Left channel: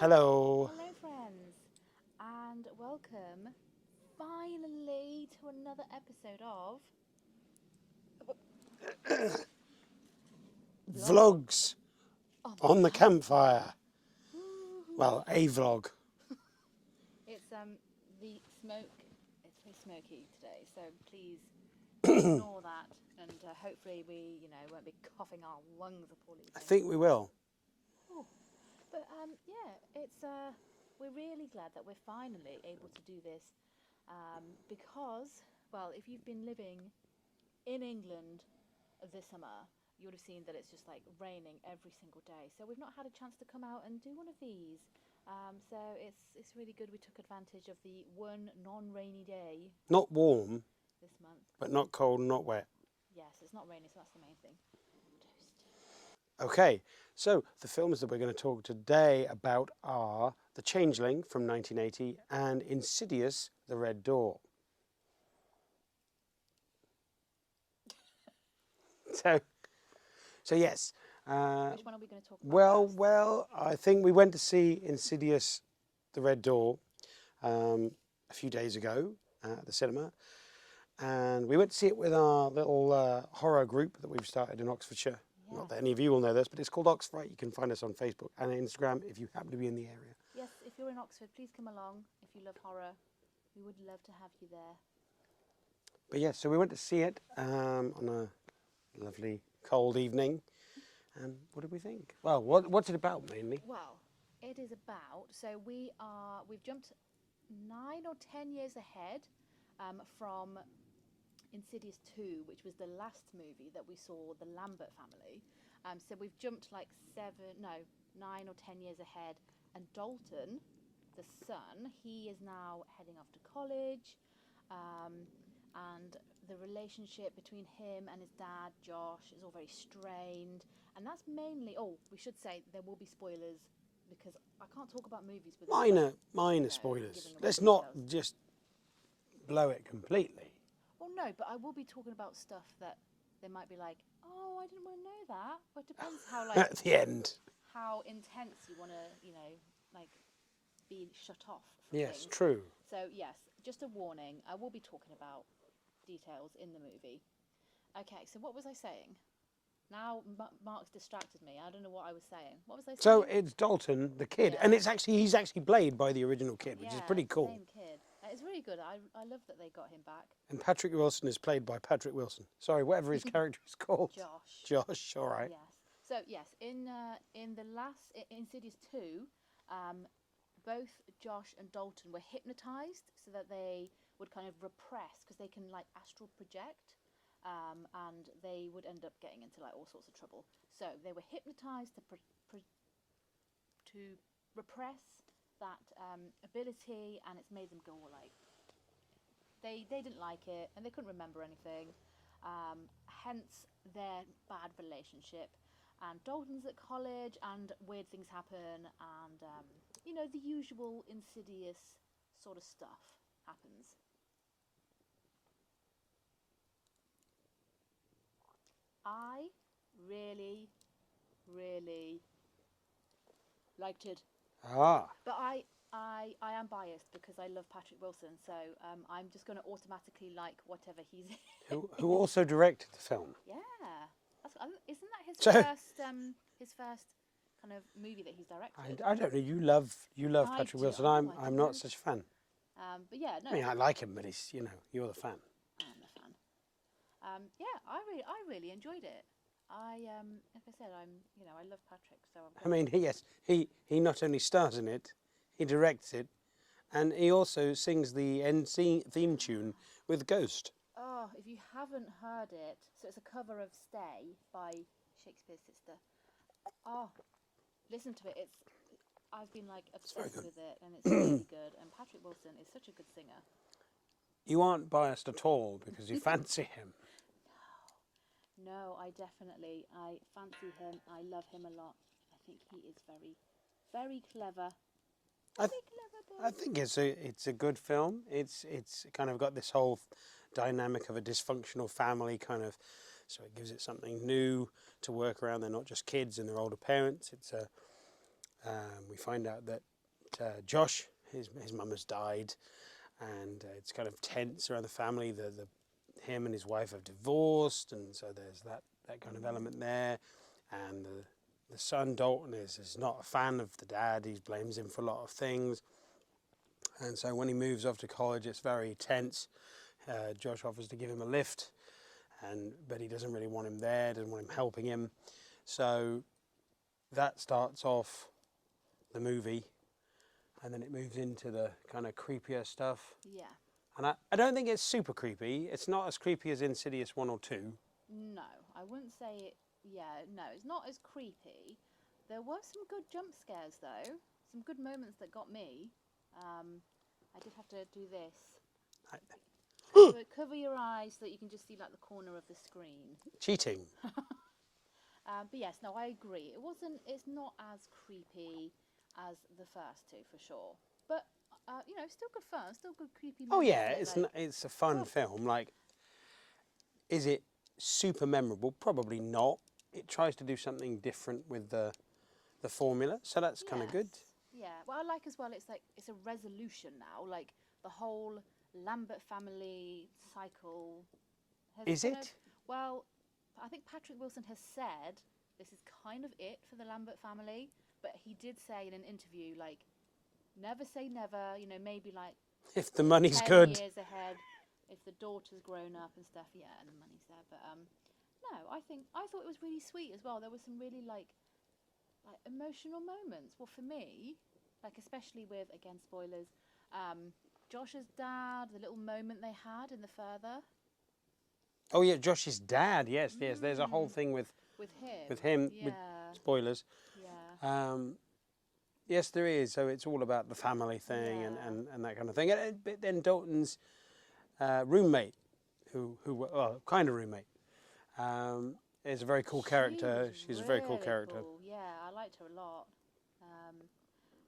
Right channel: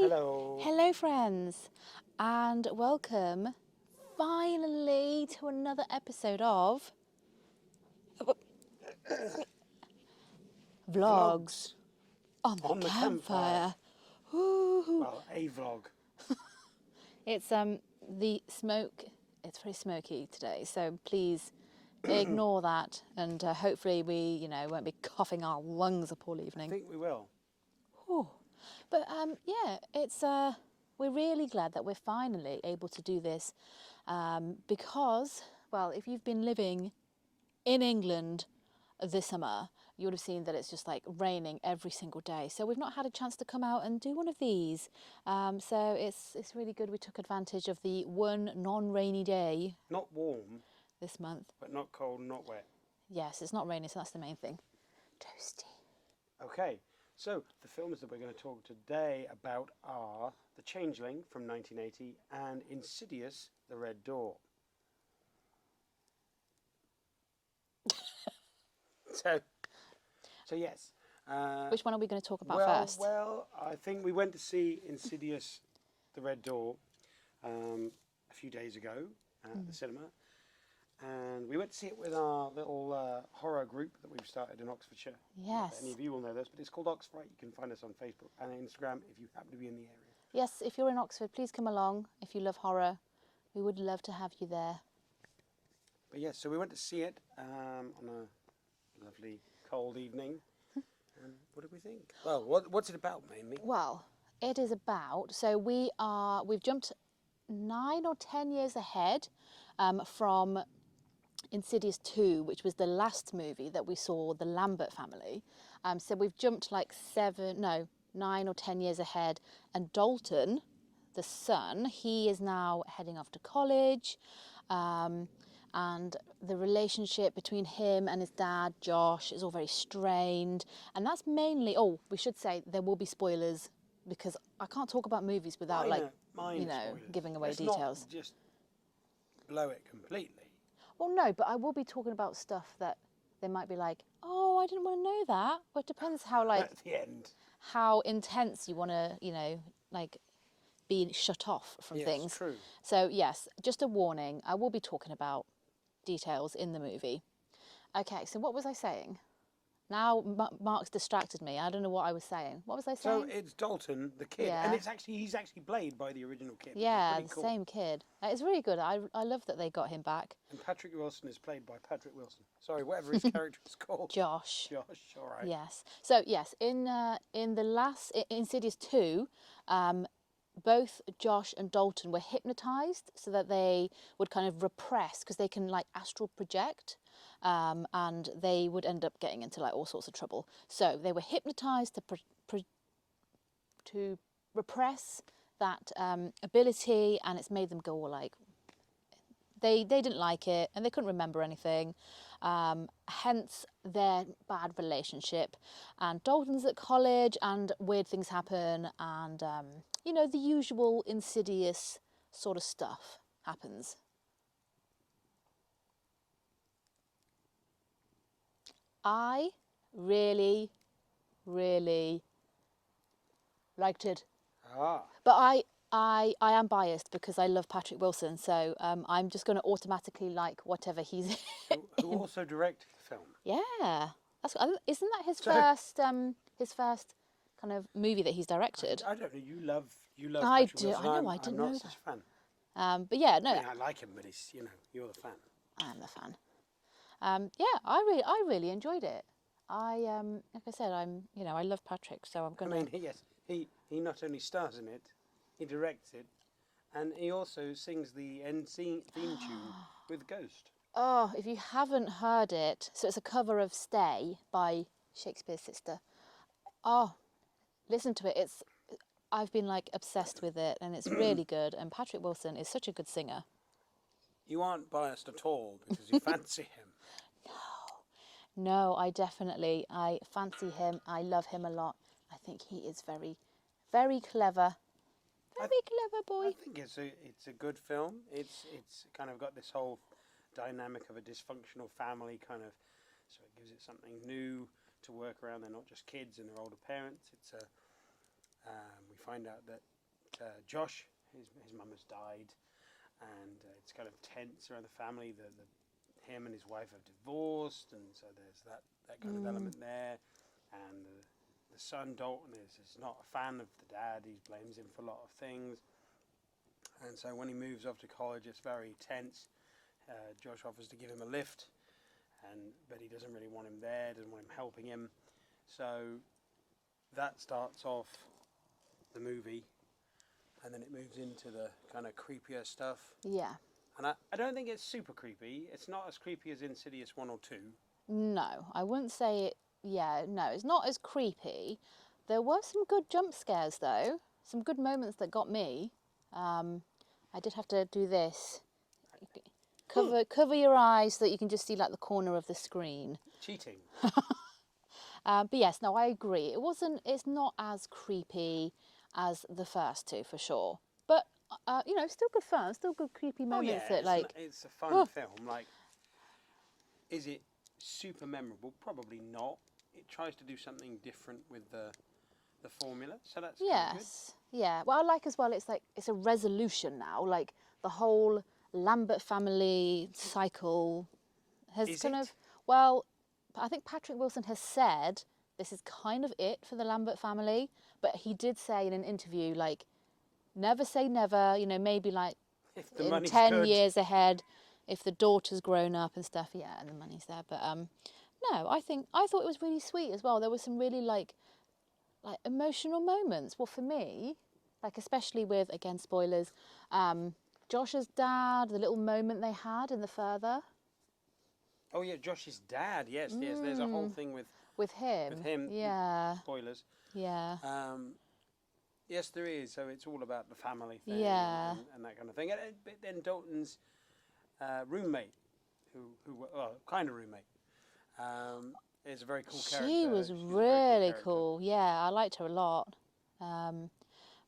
Hello. Hello friends, and welcome finally to another episode of Vlogs on the campfire. Woo-hoo. Well, a vlog. It's the smoke. It's very smoky today, so please ignore that, and hopefully we won't be coughing our lungs up all I evening. think we will. Whew. But yeah, it's we're really glad that we're finally able to do this because, well, if you've been living in England this summer, you would have seen that it's just like raining every single day. So we've not had a chance to come out and do one of these. So it's really good. We took advantage of the one non-rainy day Not warm, this month. but not cold, not wet. Yes, it's not raining, so that's the main thing. Toasty. Okay, so the films that we're going to talk today about are The Changeling from 1980 and Insidious, The Red Door. So yes. Which one are we going to talk about first? Well, I think we went to see Insidious, The Red Door a few days ago at the cinema. And we went to see it with our little horror group that we've started in Oxfordshire. Not that any Yes. of you will know this, but it's called Oxfright. You can find us on Facebook and Instagram if you happen to be in the area. Yes, if you're in Oxford, please come along. If you love horror, we would love to have you there. But yes, so we went to see it on a lovely cold evening. What did we think? Well, what's it about mainly? Well, it is about, so we've jumped 9 or 10 years ahead from Insidious 2, which was the last movie that we saw, the Lambert family. So we've jumped like 9 or 10 years ahead. And Dalton, the son, he is now heading off to college. And the relationship between him and his dad, Josh, is all very strained. And that's mainly, we should say there will be spoilers because I can't talk about movies without minor spoilers. giving away Let's details. not just blow it completely. Well, no, but I will be talking about stuff that they might be like, oh, I didn't want to know that. But it depends how, At the end. how intense you want to, be shut off from things. Yes, true. So, yes, just a warning. I will be talking about details in the movie. Okay, so what was I saying? Now Mark's distracted me. I don't know what I was saying. What was I saying? So it's Dalton, the kid, Yeah. and he's actually played by the original kid, which is pretty cool. the same kid. It's really good. I love that they got him back. And Patrick Wilson is played by Patrick Wilson. Sorry, whatever his character is called. Josh. Josh, all right. Yes. So yes, in the last Insidious 2, both Josh and Dalton were hypnotized so that they would kind of repress because they can like astral project. And they would end up getting into like all sorts of trouble. So they were hypnotized to repress that ability, and it's made them go all like they didn't like it and they couldn't remember anything. Hence their bad relationship. And Dalton's at college, and weird things happen, and the usual Insidious sort of stuff happens. I really, really liked it. Ah. But I am biased because I love Patrick Wilson, so I'm just going to automatically like whatever he's in. Who also directed the film. Yeah. Isn't that his first kind of movie that he's directed? I don't know, you love I Patrick do. Wilson. I know, I I'm didn't not know such a fan. But yeah, no. I mean, I like him, but he's, you're the fan. I am the fan. Yeah, I really enjoyed it. Like I said, I love Patrick, so I'm going to... Yes, he not only stars in it, he directs it, and he also sings the end theme tune with Ghost. Oh, if you haven't heard it, so it's a cover of Stay by Shakespeare's sister. Oh, listen to it. I've been like obsessed with it, and it's really good. And Patrick Wilson is such a good singer. You aren't biased at all because you fancy him. No, I fancy him. I love him a lot. I think he is very, very clever. Very clever boy. I think it's a good film. It's kind of got this whole dynamic of a dysfunctional family kind of, so it gives it something new to work around. They're not just kids and they're older parents. We find out that Josh, his mum has died, and it's kind of tense around the family. Him and his wife have divorced, and so there's that kind of element there. And the son Dalton is not a fan of the dad. He blames him for a lot of things. And so when he moves off to college, it's very tense. Josh offers to give him a lift, but he doesn't really want him there, doesn't want him helping him. So that starts off the movie, and then it moves into the kind of creepier stuff. Yeah. And I don't think it's super creepy. It's not as creepy as Insidious 1 or 2. No, I wouldn't say it. Yeah, no, it's not as creepy. There were some good jump scares, though. Some good moments that got me. I did have to do this. Cover your eyes so that you can just see like the corner of the screen. Cheating. But yes, no, I agree. It's not as creepy as the first two for sure. But still good fun, still good creepy moments. Oh yeah, it's a fun film. Like, is it super memorable? Probably not. It tries to do something different with the formula, so that's kind of good. Yeah. Well, I like as well. It's a resolution now. Like the whole Lambert family cycle has Well, I think Patrick Wilson has said this is kind of it for the Lambert family, but he did say in an interview, like, never say never, maybe like if the money's 10 good. years ahead, if the daughter's grown up and stuff, yeah, and the money's there. But no, I thought it was really sweet as well. There were some really like emotional moments. Well, for me, like especially with, again, spoilers, Josh's dad, the little moment they had in the further. Oh yeah, Josh's dad. Yes. There's a whole thing with him. Yeah. With spoilers. Yeah. Yes, there is. So it's all about the family thing and that kind of thing. But then Dalton's roommate, who kind of roommate, is a very cool character. She was She's really a very cool character. cool. Yeah, I liked her a lot.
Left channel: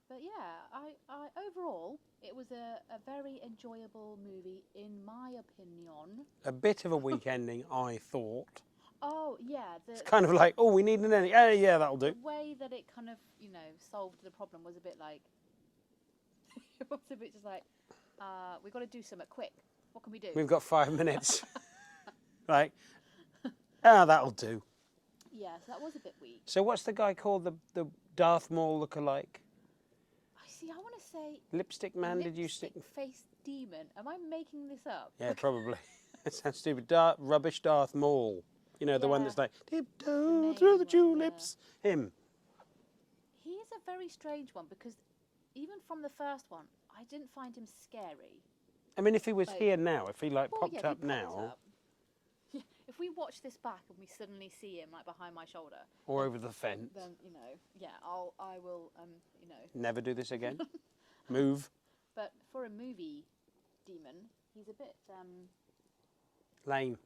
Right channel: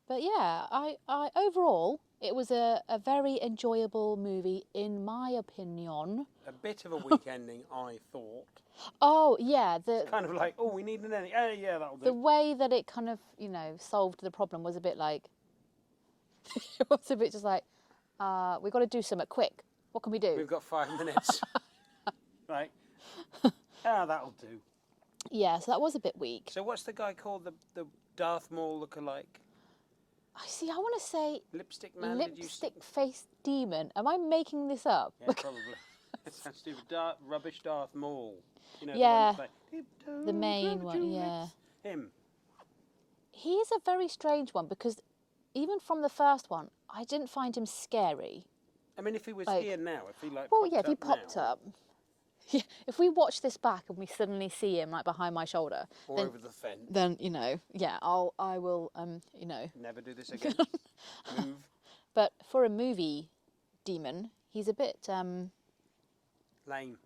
But yeah, I overall it was a very enjoyable movie in my opinion. A bit of a weak ending, I thought. Oh yeah, it's kind of like, oh, we need an ending. Yeah, that'll do. The way that it kind of solved the problem was a bit like it was a bit just like we've got to do something quick. What can we do? We've got 5 minutes. Like, that'll do. Yeah, so that was a bit weak. So what's the guy called, the Darth Maul look-alike? I want to say Lipstick man. Did you stick face demon? Am I making this up? Yeah, probably. That sounds stupid. Rubbish Darth Maul. The one that's like tiptoe the main through the one, tulips. Yeah. Him. He is a very strange one because even from the first one, I didn't find him scary. I mean, if he was here now, if he if he popped up. Yeah, if we watch this back and we suddenly see him like behind my shoulder or over the fence, then I will never do this again. Move. But for a movie demon, he's a bit lame.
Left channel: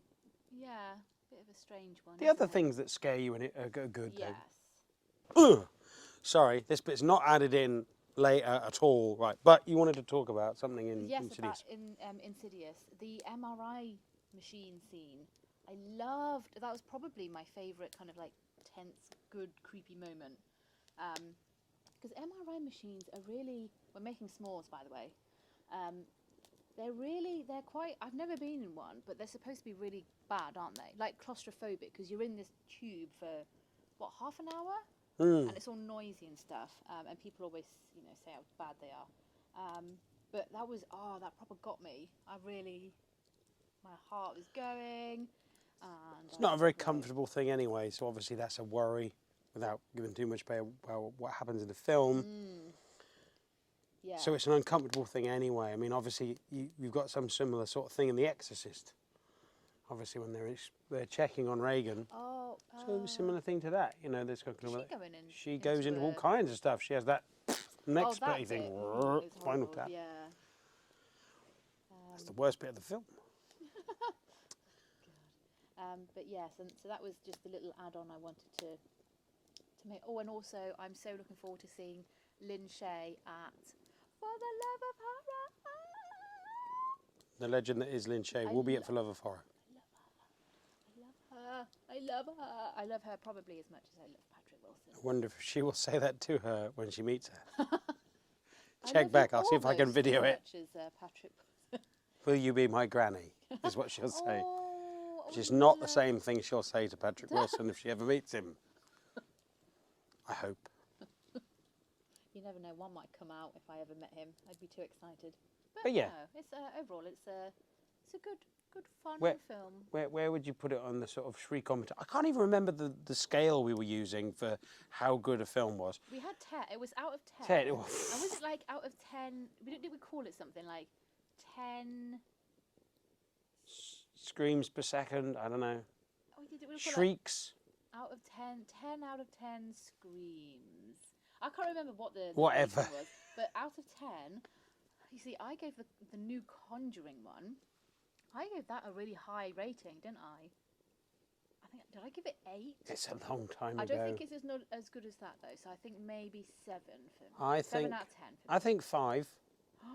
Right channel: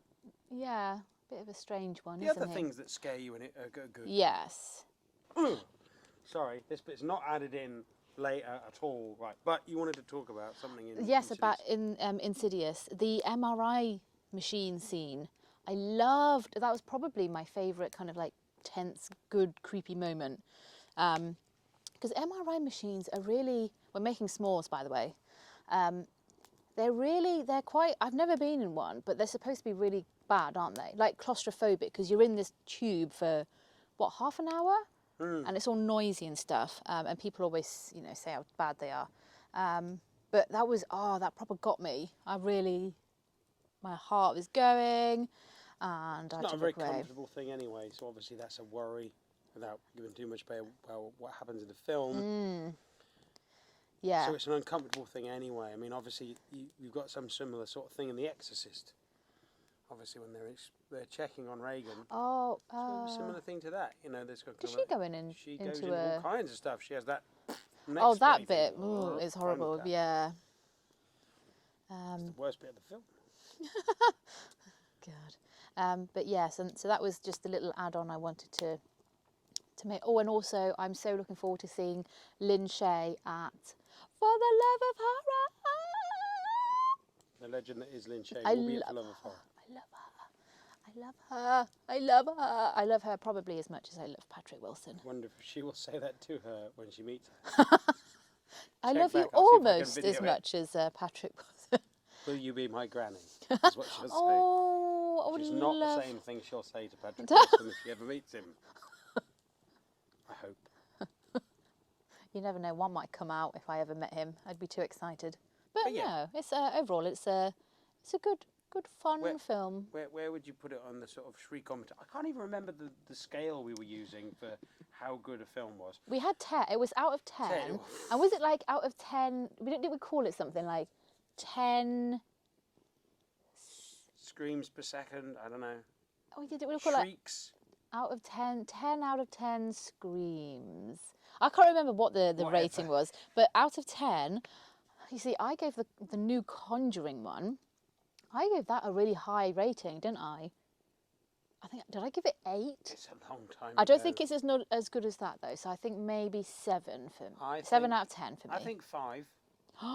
Yeah, a bit of a strange one. The other things that scare you in it are good. Yes. Sorry, this bit's not added in later at all, right? But you wanted to talk about something in Yes, Insidious. about in Insidious, the MRI machine scene. I loved that. Was probably my favourite kind of like tense, good, creepy moment. Because MRI machines are really. We're making s'mores, by the way. They're quite. I've never been in one, but they're supposed to be really bad, aren't they? Like claustrophobic, because you're in this tube for what, half an hour, and it's all noisy and stuff. And people always, say how bad they are. But that was that proper got me. My heart was going, and it's not a very comfortable thing anyway. So obviously that's a worry, without giving too much away about what happens in the film. Yeah. So it's an uncomfortable thing anyway. I mean, obviously you've got some similar sort of thing in The Exorcist. Obviously, when they're checking on Reagan. Oh. So a similar thing to that, Does she go in? She goes into all kinds of stuff. She has that. That bit is horrible. Yeah. It's the worst bit of the film. God. But yes, and so that was just a little add-on I wanted to make. Oh, and also I'm so looking forward to seeing Lynn Shay at For the Love of Horror. The legend that is Lynn Shay will be at For Love of Horror. I love her. I love her probably as much as I love Patrick Wilson. I wonder if she will say that to her when she meets her. I check love back. you I'll see if I can almost video as it. much as Patrick was. Will you be my granny? Is what she'll say. Oh, I Which is would not the love- same thing she'll say to Patrick Wilson if she ever meets him. I hope. You never know, one might come out if I ever met him. I'd be too excited. But But yeah. no, it's overall it's a good fun film. Where would you put it on the sort of shriek-o-meter? I can't even remember the scale we were using for how good a film was. We had 10. It was out of 10. 10. And was it like out of 10? Did we call it something like 10? Screams per second, I don't know. Oh, we did. We call it Shrieks. out of 10. 10 out of 10 screams. I can't remember what the rating was, but out of 10, you see, I gave the new Conjuring one. I gave that a really high rating, didn't I? Did I give it 8? It's a long time I don't ago. think it's not as good as that though. So I think maybe 7 for me. 7 think- out of 10 for me. I think 5. 5.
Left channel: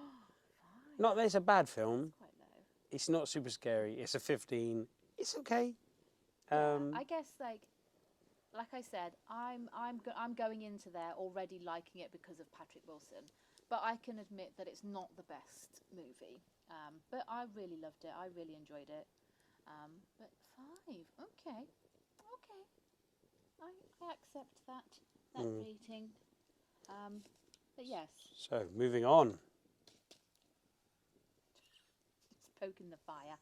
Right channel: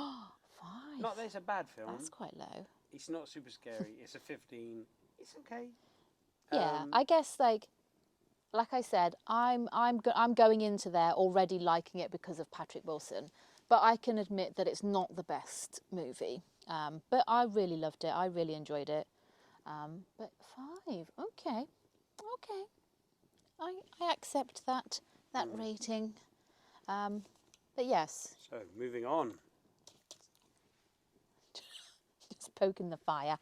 Not that it's a bad film. That's quite low. It's not super scary. It's a 15. It's okay. Yeah, I guess like I said, I'm going into there already liking it because of Patrick Wilson, but I can admit that it's not the best movie. But I really loved it. I really enjoyed it. But 5, okay. I accept that rating. But yes, So, moving on. just poking the fire.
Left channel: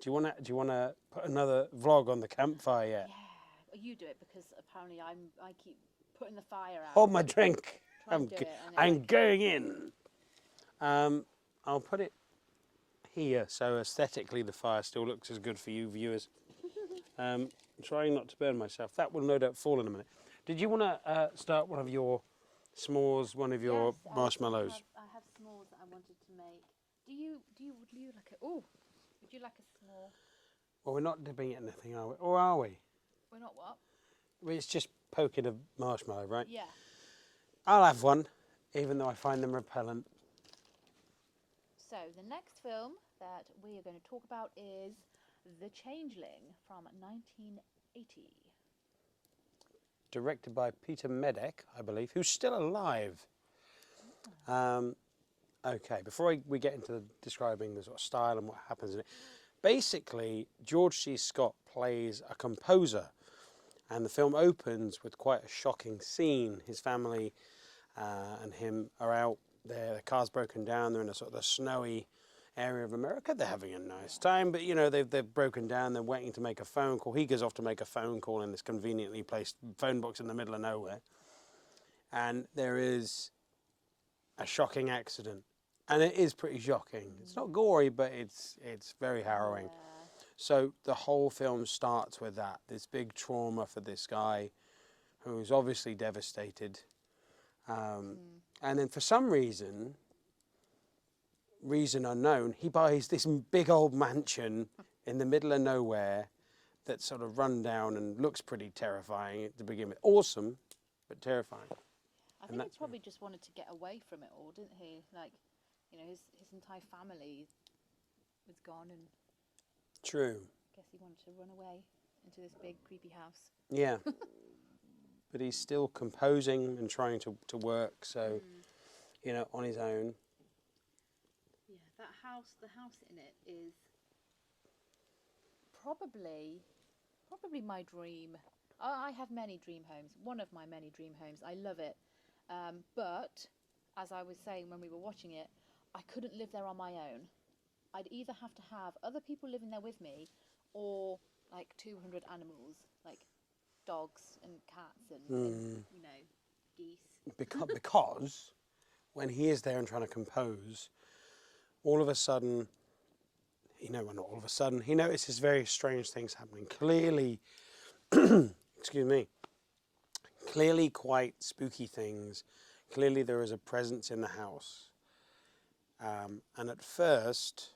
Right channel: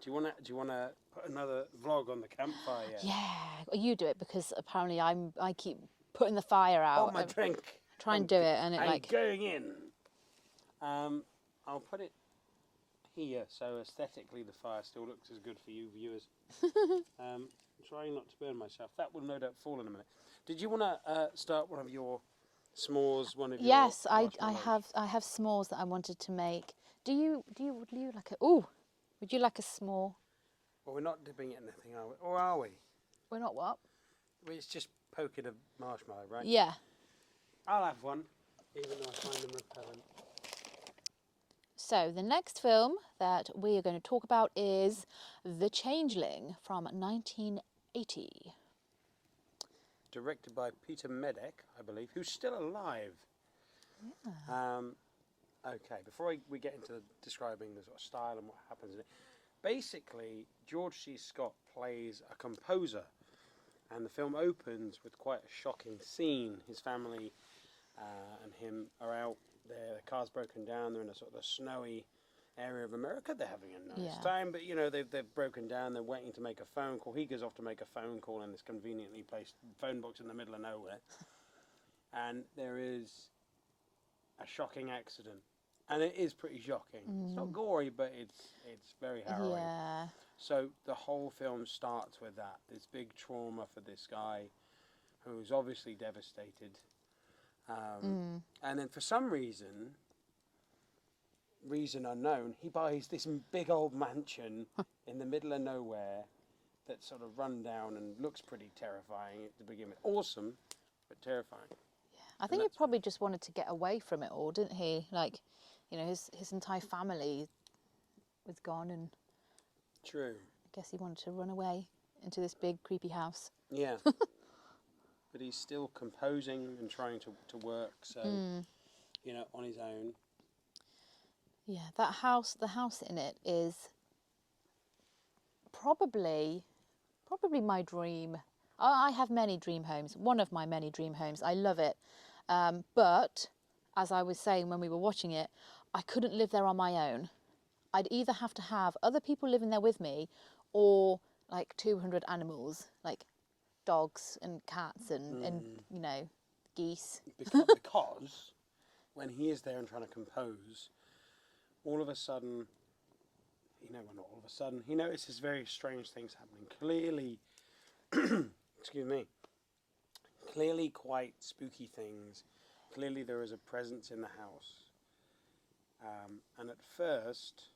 Do you wanna put another vlog on the campfire yet? Yeah, well, you do it because apparently I keep putting the fire out. Hold my drink. Try and do it, and it I'm like going in. I'll put it here so aesthetically the fire still looks as good for you viewers. I'm trying not to burn myself. That will no doubt fall in a minute. Did you want to start one of your s'mores, one of your yes, marshmallows? I have s'mores that I wanted to make. Would you like a would you like a s'more? Well, we're not dipping it in anything, are we? Or are we? We're not what? Well, it's just poking a marshmallow, right? Yeah. I'll have one, even though I find them repellent. So the next film that we are going to talk about is The Changeling from 1980. Directed by Peter Medek, I believe, who's still alive. Okay, before we get into describing the sort of style and what happens in it, basically George C. Scott plays a composer, and the film opens with quite a shocking scene. His family and him are out there, the car's broken down, they're in a sort of the snowy area of America, they're having a nice time, but you know, they've broken down, they're waiting to make a phone call. He goes off to make a phone call in this conveniently placed phone box in the middle of nowhere, and there is a shocking accident. And it is pretty shocking. It's not gory, but it's very harrowing. Yeah. So the whole film starts with that, this big trauma for this guy who's obviously devastated. And then for some reason unknown, he buys this big old mansion in the middle of nowhere that's sort of run down and looks pretty terrifying to begin with. Awesome, but terrifying. I think he probably just wanted to get away from it all, didn't he? Like, you know, his entire family was gone, and True. I guess he wanted to run away into this big creepy house. Yeah. But he's still composing and trying to work, so, you know, on his own. Yeah, the house in it is probably my dream. I have many dream homes. One of my many dream homes. I love it. But as I was saying when we were watching it, I couldn't live there on my own. I'd either have to have other people living there with me, or like 200 animals, like dogs and cats and you know, geese. Because when he is there and trying to compose, all of a sudden, not all of a sudden, he notices very strange things happening. Clearly, excuse me, clearly quite spooky things. Clearly there is a presence in the house. And at first,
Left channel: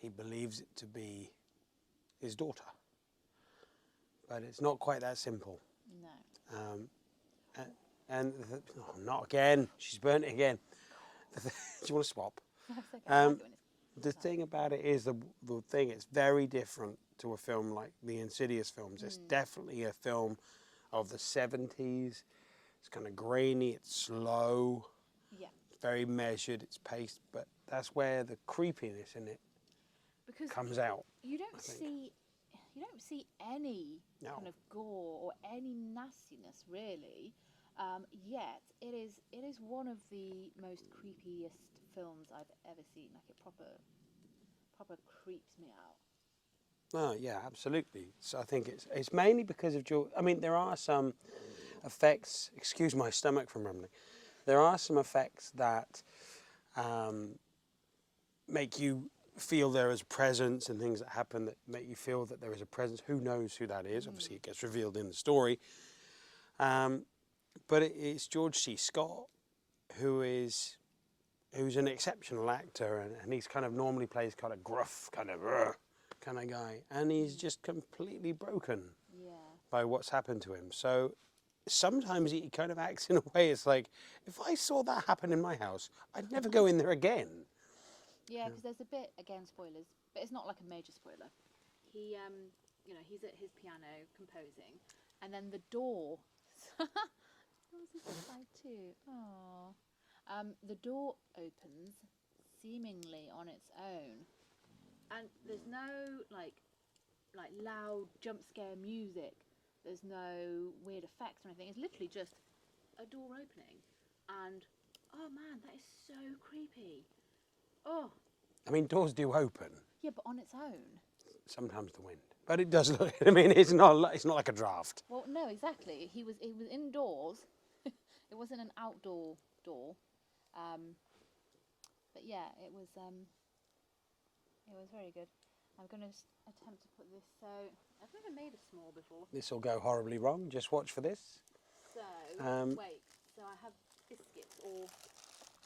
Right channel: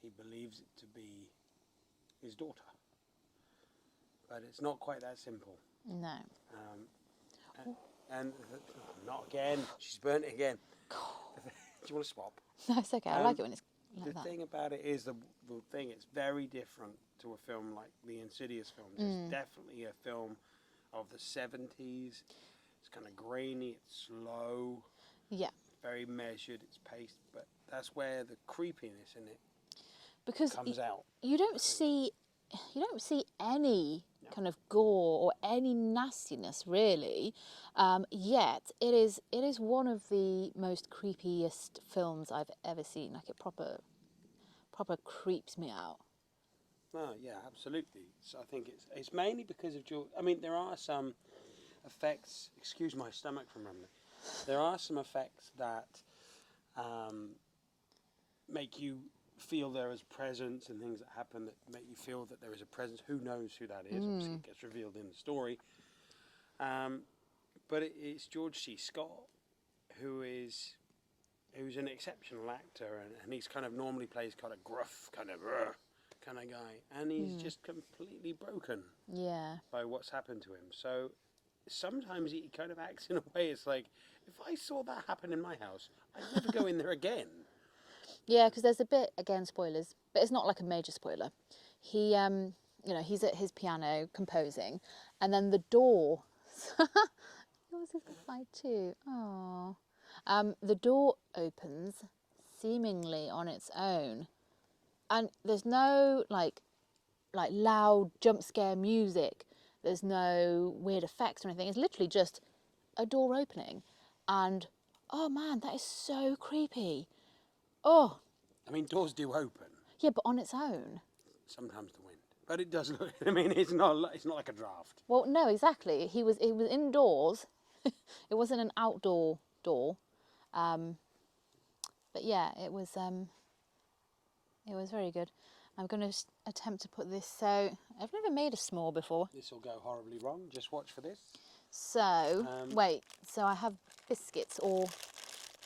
he believes it to be his daughter. But it's not quite that simple. No. Not again. She's burnt it again. Do you want to swap? That's okay. I like it when it's The like that. thing about it is, it's very different to a film like the Insidious films. It's definitely a film of the 70s, It's kind of grainy. It's slow. Yeah. It's very measured. It's paced, but that's where the creepiness in it Because comes out. you don't see any No. kind of gore or any nastiness really. Yet it is one of the most creepiest films I've ever seen. Like, it proper creeps me out. Oh yeah, absolutely. So I think it's mainly because of George. I mean, there are some effects. Excuse my stomach from rumbling. There are some effects that make you feel there is presence, and things that happen that make you feel that there is a presence. Who knows who that is? Obviously, it gets revealed in the story. But it's George C. Scott, who's an exceptional actor, and he's kind of normally plays kind of gruff, kind of guy, and he's just completely broken by what's happened to him. So sometimes he kind of acts in a way, it's like, if I saw that happen in my house, I'd never go in there again. Yeah, because there's a bit, again, spoilers, but it's not like a major spoiler. He, he's at his piano composing, and then the door. That was a slide too. Oh, the door opens seemingly on its own, and there's no like loud jump scare music. There's no weird effects or anything. It's literally just a door opening, and oh man, that is so creepy. Oh. I mean, doors do open. Yeah, but on its own. Sometimes the wind, but it does look. I mean, it's not like a draft. Well, no, exactly. He was indoors. It wasn't an outdoor door. But yeah, it was very good. I'm going to attempt to put this. So I've never made a s'more before. This will go horribly wrong. Just watch for this. So wait. So I have biscuits, or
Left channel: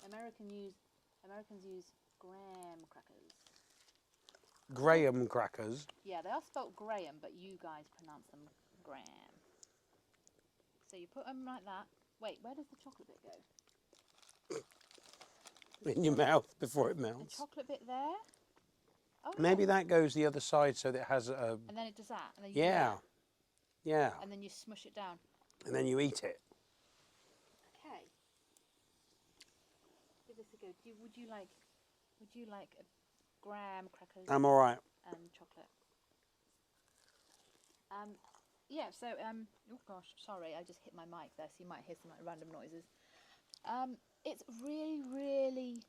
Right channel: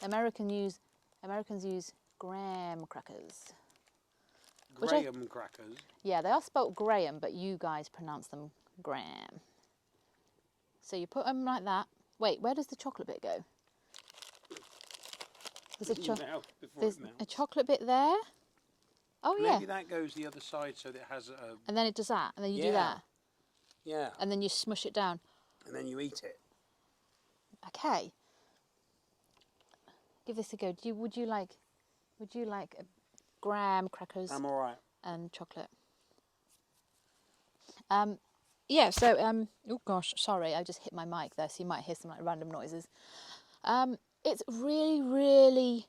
Americans use graham crackers. Graham crackers. Yeah, they are spelt Graham, but you guys pronounce them Graham. So you put them like that. Wait, where does the chocolate bit go? In your mouth before it melts. A chocolate bit there? Oh, yeah. Maybe that goes the other side so that it has a... And then it does that, and then you do that. Yeah. And then you smush it down. And then you eat it. Okay. Give this a go. Would you like graham crackers? I'm all right. And chocolate. Yeah, so, oh gosh, sorry, I just hit my mic there, so you might hear some like random noises. It's really, really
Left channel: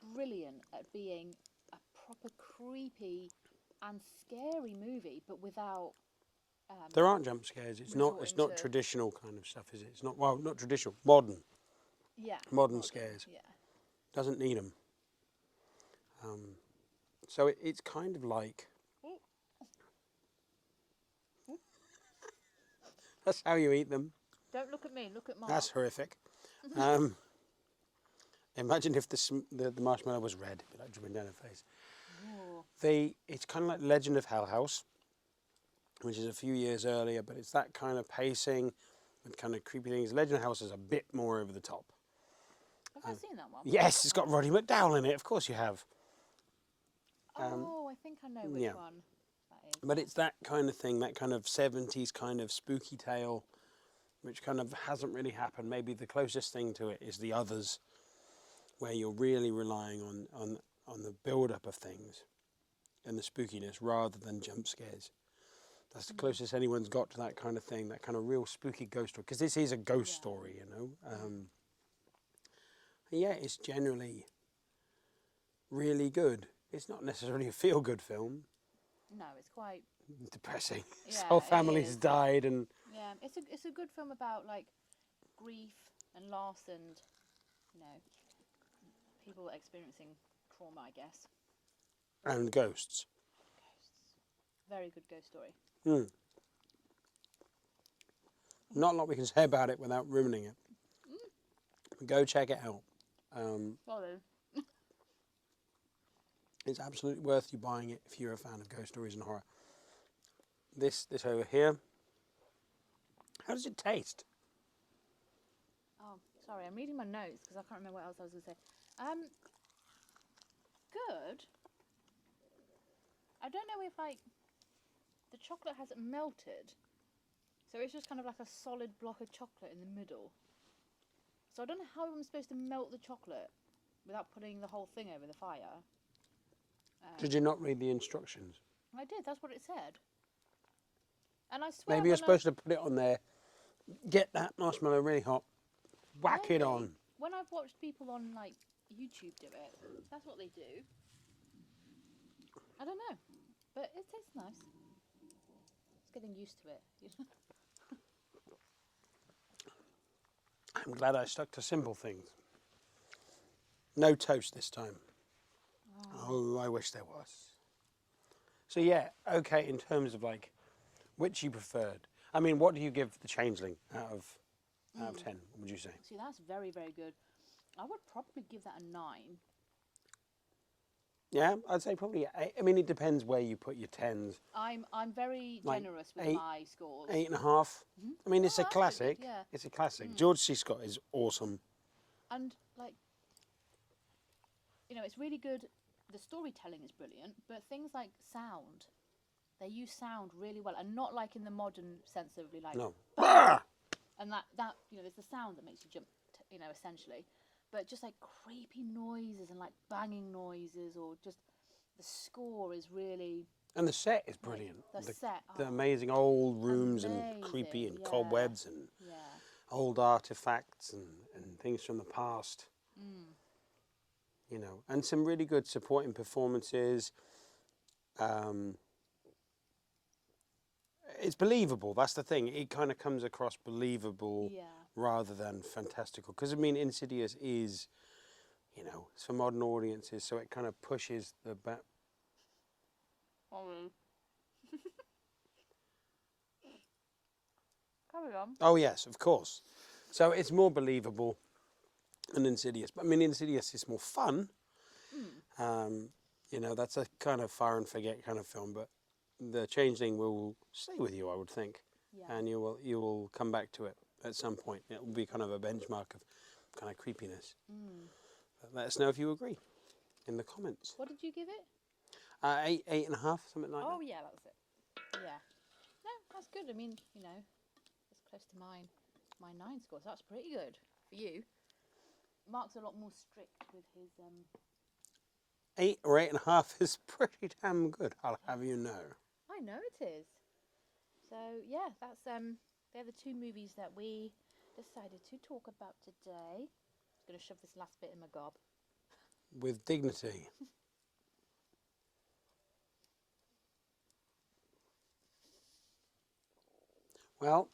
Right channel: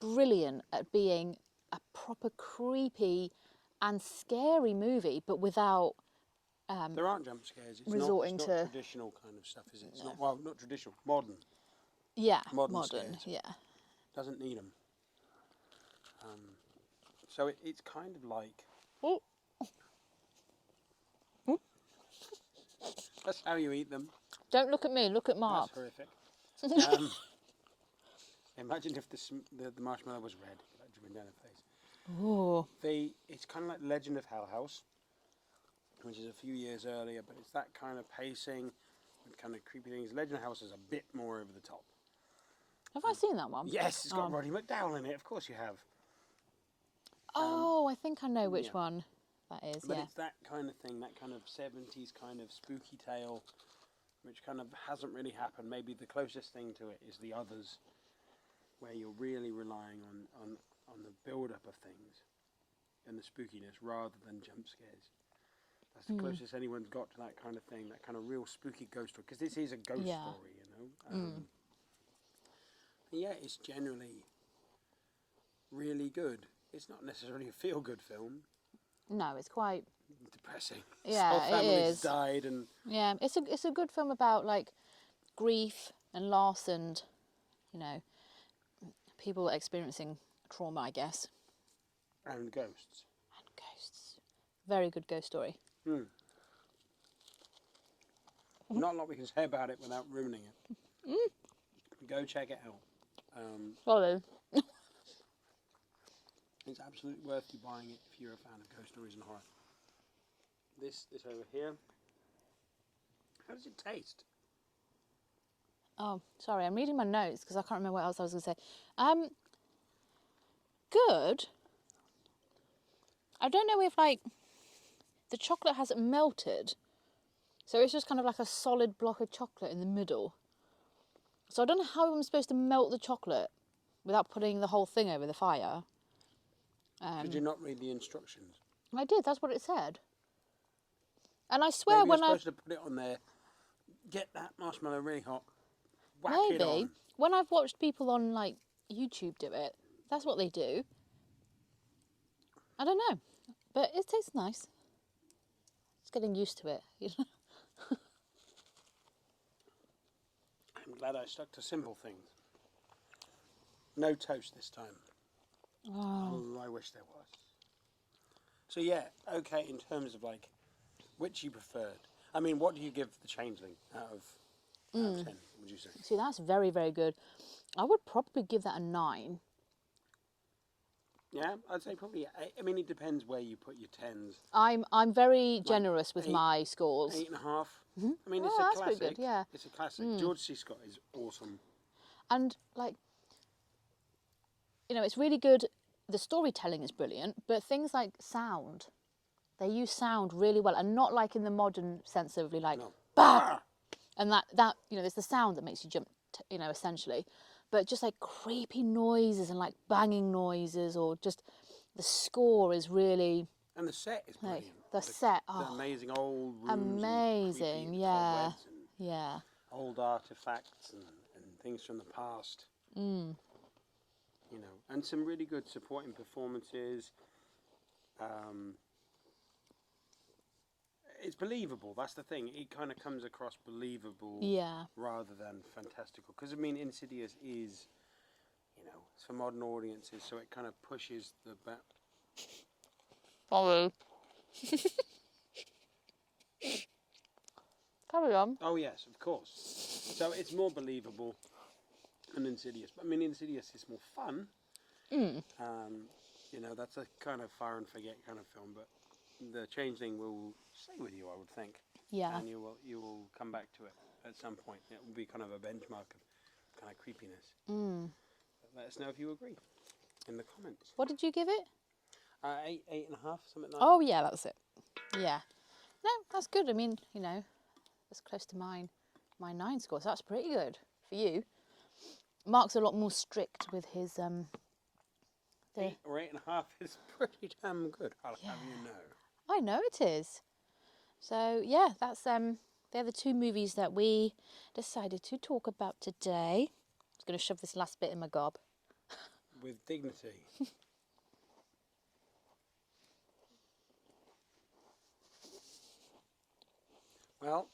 brilliant at being a proper creepy and scary movie, but without... there aren't jump scares. It's not traditional kind of stuff, is it? It's not traditional. Modern. Yeah. Modern scares. Yeah. Doesn't need them. So it's kind of like... Oh. That's how you eat them. Don't look at me, look at Mark. That's horrific. Imagine if the marshmallow was red, like dripping down her face. Ooh. It's kind of like Legend of Hell House, which is a few years earlier, but it's that kind of pacing with kind of creepy things. Legend of Hell House is a bit more over the top. Have I seen that one? Yes, it's got Roddy McDowall in it. Of course you have. I think I know which one that is. But it's that kind of thing, that kind of 70s kind of spooky tale, which kind of hasn't really happened. Maybe the closest thing to it is The Others, where you're really relying on the build-up of things and the spookiness rather than jump scares. That's the closest anyone's got to that kind of thing, that kind of real spooky ghost story. Because this is a ghost story, you know. Yeah, it's generally really good. It's not necessarily a feel-good film. No, it's quite depressing. Yeah, Whole family's died, and yeah, it's a good film about like grief and loss, and people experiencing trauma, I guess. And ghosts. And ghosts. Very good ghost story. Not a lot we can say about it without ruining it. Go check it out. Follow. It's absolutely worth you buying it if you're a fan of ghost stories and horror. This over here. How does it taste? Oh, sorry, I'm reading my notes because I can't remember what else I was going to say. Good. I don't know if like the chocolate hasn't melted, So it's just kind of like a solid block of chocolate in the middle. So I don't know how I'm supposed to melt the chocolate without putting the whole thing over the fire. Did you not read the instructions? I did, that's what it said. And I swear Maybe you're when supposed to put it on there, get that marshmallow really hot, whack it on. When I've watched people on like YouTube do it, that's what they do. I don't know, but it tastes nice. It's getting used to it, you know. I'm glad I stuck to simple things. No toast this time. Oh, I wish there was. So yeah, okay, in terms of like, which you preferred. I mean, what do you give the Changeling out of 10, would you say? See, that's very, very good. I would probably give that a 9. Yeah, I'd say probably 8. I mean, it depends where you put your 10s. I'm very generous with my scores. 8.5. I mean, it's a that's pretty classic. good, yeah. It's a classic. George C. Scott is awesome. And like, you know, it's really good. The storytelling is brilliant, but things like sound, they use sound really well, and not like in the modern sense of like, bah! And that you know, there's the sound that makes you jump, you know, essentially, but just like creepy noises and like banging noises, or just the score is really. And the set is brilliant. Like, the amazing old rooms and creepy and cobwebs and old artifacts and things from the past. You know, and some really good supporting performances. It's believable. That's the thing. It kind of comes across believable rather than fantastical. Because, I mean, Insidious is, you know, it's for modern audiences, so it kind of pushes the back. Sorry. Carry on. Oh, yes, of course. So it's more believable than Insidious. But, I mean, Insidious is more fun. You know, that's a kind of fire and forget kind of film, but the Changeling will stay with you, I would think. Yeah. And you will come back to it at some point. It will be kind of a benchmark of kind of creepiness. But let us know if you agree in the comments. What did you give it? 8.5, something like that. Oh yeah, that's it. Yeah. No, that's good. I mean, you know, that's close to my 9 score, so that's pretty good for you. Mark's a lot more strict with his 8 or 8.5 is pretty damn good, I'll have you know. I know it is. So yeah, that's they're the 2 movies that we decided to talk about today. I was going to shove this last bit in my gob. With dignity. Well,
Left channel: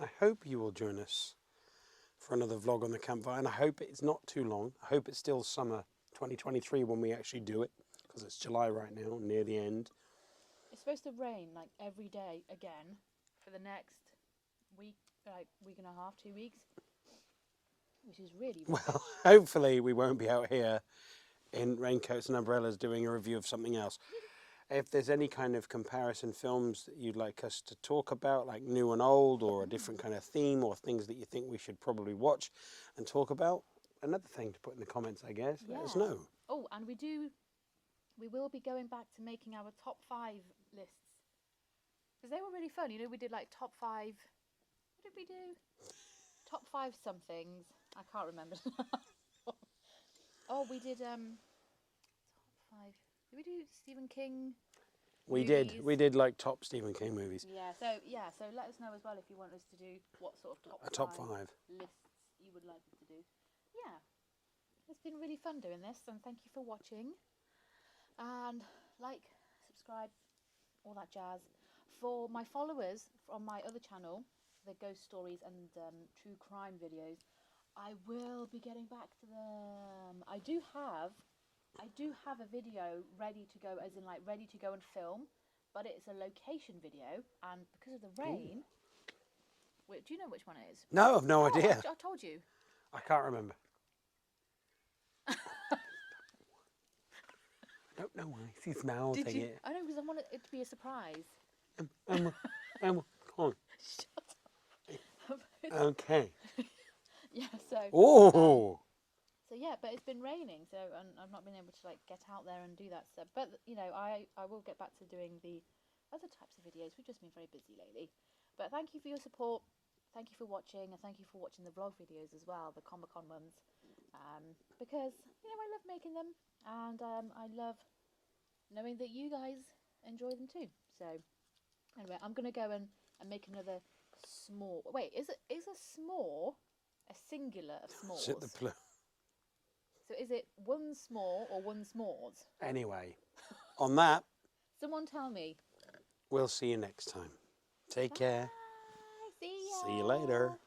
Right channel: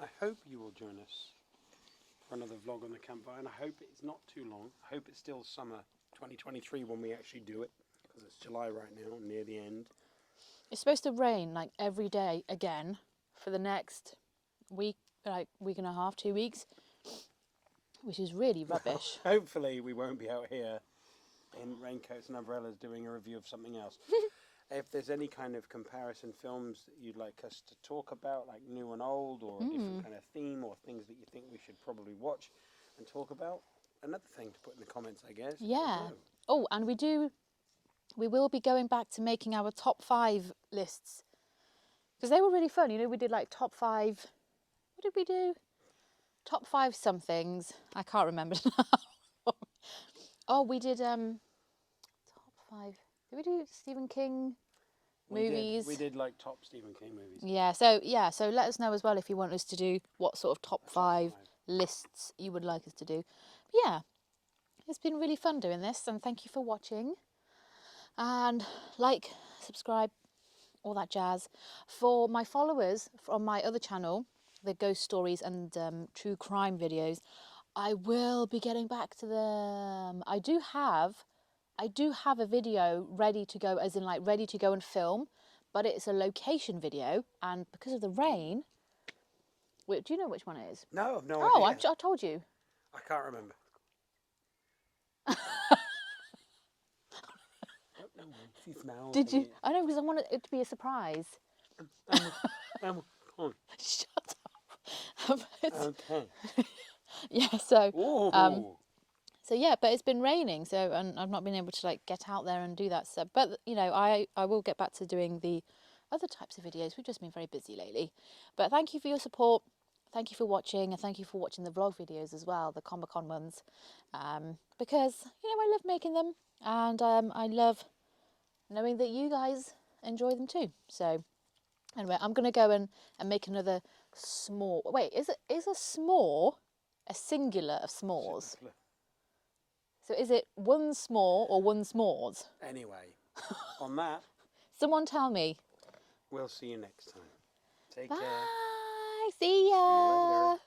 I hope you will join us for another vlog on the campfire, and I hope it's not too long. I hope it's still summer 2023 when we actually do it, because it's July right now, near the end. It's supposed to rain like every day again for the next week, like week and a half, 2 weeks, which is really rubbish. Well, hopefully we won't be out here in raincoats and umbrellas doing a review of something else. If there's any kind of comparison films that you'd like us to talk about, like new and old, or a different kind of theme, or things that you think we should probably watch and talk about, another thing to put in the comments, I guess. Yeah. Let us know. Oh, and we will be going back to making our top 5 lists, because they were really fun. You know, we did like top 5. What did we do? Top 5 somethings. I can't remember now. Oh, we did top 5. Did we do Stephen King movies? We did like top Stephen King movies. Yeah, so let us know as well if you want us to do what sort of top 5 lists you would like us to do. But yeah, it's been really fun doing this, and thank you for watching. And like, subscribe, all that jazz. For my followers from my other channel, the ghost stories and true crime videos, I will be getting back to them. I do have a video ready to go, as in like ready to go and film, but it's a location video, and because of the rain, do you know which one it is? No, I've no idea. I told you. I can't remember. No, she's now. Did you? I know, because I wanted it to be a surprise. Come on. Shut up. Okay. Yeah, so. Oh. So yeah, but it's been raining, and I've not been able to like get out there and do that. So, but you know, I will get back to doing the other types of videos. We've just been very busy lately. But thank you for your support. Thank you for watching, and thank you for watching the vlog videos as well, the Comic-Con ones. Because, you know, I love making them, and I love knowing that you guys enjoy them too. So, anyway, I'm going to go and make another s'more. Wait, is a s'more a singular of s'mores? So is it one s'more or one s'mores? Anyway, on that, Someone tell me. we'll see you next time. Take Bye. care. See ya. See you later.